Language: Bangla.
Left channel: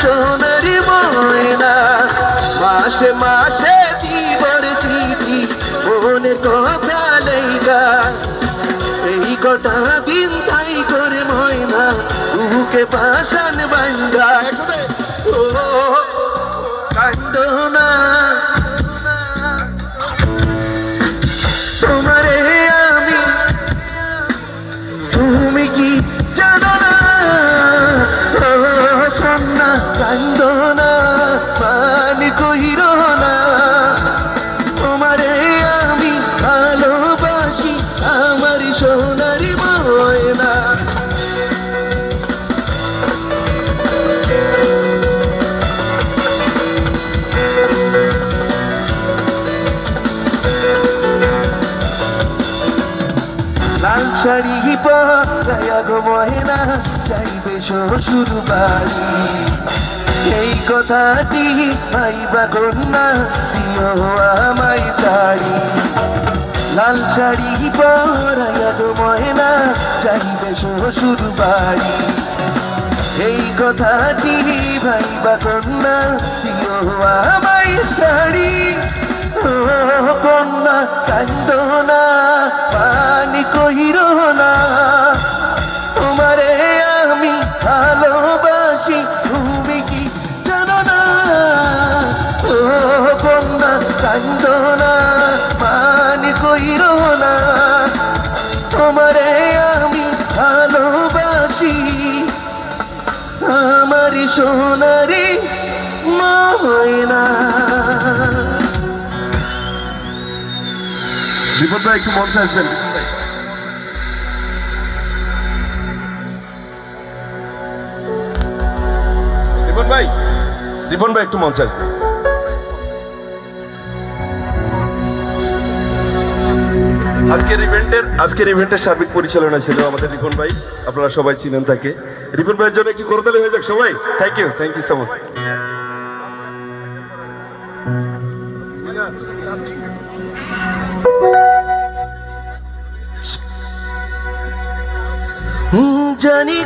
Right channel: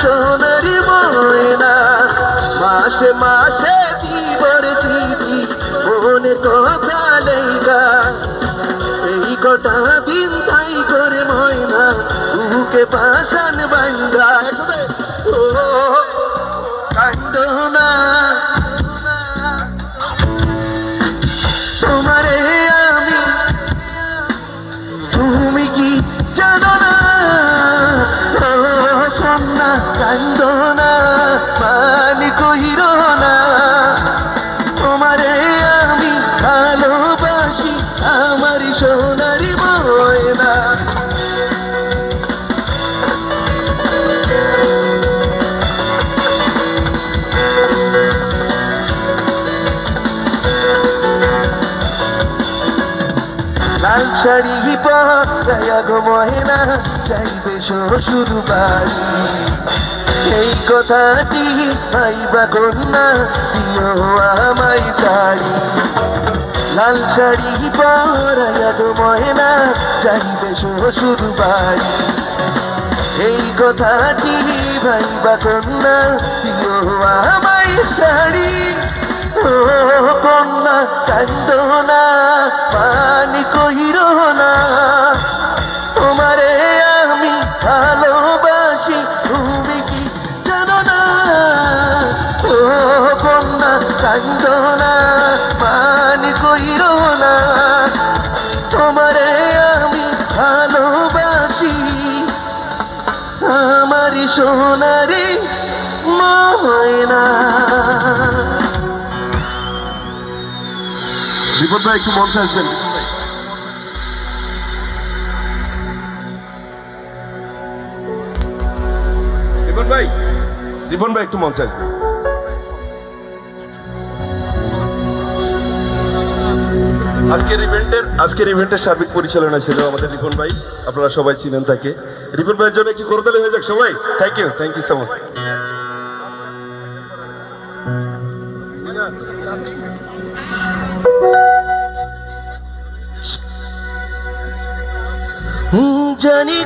সোনারি ময়না, মাসে মাসে দিবর চিঠি মনের কথা লেগা, এই কটা দিন তাই করে ময়না বুকে পাশান বান্ধা। ও কান্দো না তোমারে আমি, তুমি কি জানো না? ও কন্যা কান্দো না, পানি কইরো না, তোমারে আমি ভালোবাসি আমার সোনারি ময়না। লাল শাড়ি পরায়া গো ময়না যাইবে শ্বশুর বাড়ি, এই কথাটি ভাইবা কন্যা দিও আমায় শাড়ি। লাল শাড়ি পরায়া গো ময়না যাইবে শ্বশুর বাড়ি, এই কথাটি ভাইবা কন্যা দিও আমায় শাড়ি। ও কন্যা কান্দো না, পানি কইরো না, তোমারে আমি ভালোবাসি তুমি কি জানো না? ও কন্যা কান্দো না, পানি কইরো না, তোমারে আমি ভালোবাসি আমার সোনারি ময়না। রিপন ভাই একটু মঞ্চে আসবেন। রিপন ভাই একটু মঞ্চে আসবেন। আজকের ইভেন্টের সার্বিক পরিচালনা ছিল আমাদের রিপন ভাই, আপনারা সবাই চিনেন তাকে। রিপন ভাইয়ের জন্য একটু করতালি হয়ে যাক সবাই। Thank you so much. জানি